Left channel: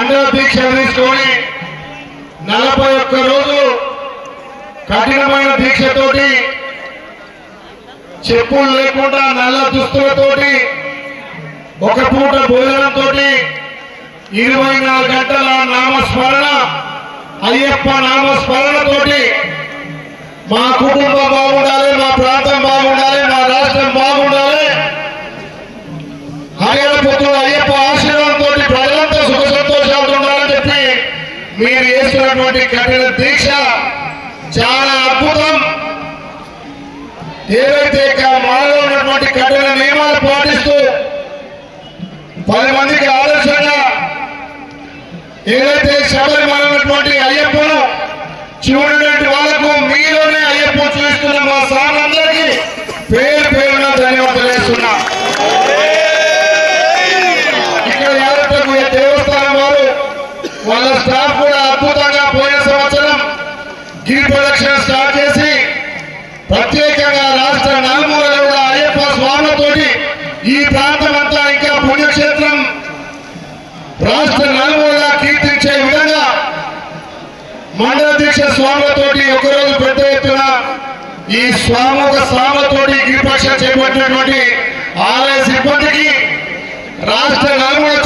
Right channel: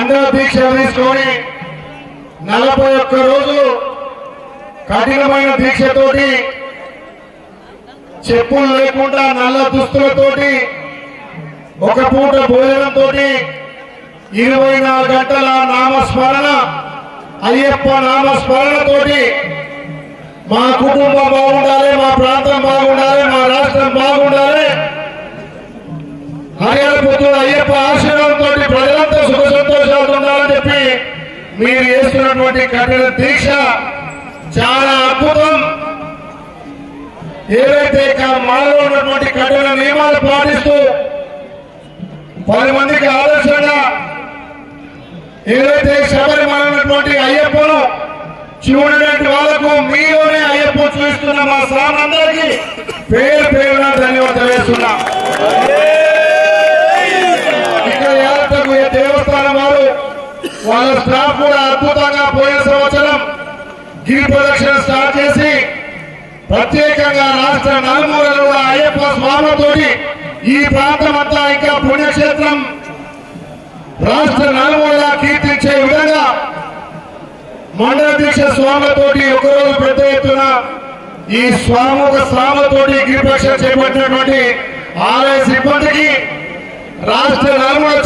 మండల దీక్ష తీసుకొని 41 రోజులు కఠినమైన దీక్షతోటి చెప్పులు లేకుండా నల్ల దుస్తులతోటి ఒక పూట భోజనంతో 24 గంటల నామస్మరణ అయ్యప్ప నామస్మరణతోటి మా కుటుంబం బాగుండాలి, మా ప్రాంతం బాగుండాలి, మా రాష్ట్రం బాగుండాలి, హరిహర పుత్రుడు అయ్యప్ప ఆశీర్వాదంతో ప్రజలంతా సుఖ సంతోషాలు ఉండాలని చెప్పి మీరు చేస్తున్నటువంటి కఠిన దీక్ష చాలా అద్భుతం. ఏదైతే మనలో ఉన్నటువంటి కఠిన నియమాలు పాటిస్తూ 10 మందికి ఆదర్శంగా ఏదైతే శబరిమల ఉన్నటువంటి అయ్యప్పను చూడటువంటి వాళ్లకు మీలోనే అయ్యప్ప చూస్తున్న మా సామందరికీ పేరు పేరున ధన్యవాదాలు చేస్తున్నా. ఇక్కడ యాదగిరి దేవస్థానం వారు వాళ్ళ స్టాఫ్ కూడా అద్భుతంగా పోయిన సంవత్సరం గిరి ప్రదక్షిణ స్టార్ట్ చేసి ప్రత్యేకంగా రాష్ట్ర నలుమూలలో కూడా అయ్యప్ప స్వాములతోటి ఈ ప్రాంతం అంతా ఇంకా పుణ్యక్షేత్రం రాష్ట్ర నలుమూల కీర్తించే విధంగా మండల దీక్ష స్వాములతోటి ఒకరోజు పెద్ద ఎత్తున ఈ స్వాములతోటి గిరిపక్ష చేపట్టినటువంటి ఆలయ సిబ్బందికి రాష్ట్ర నలుమూల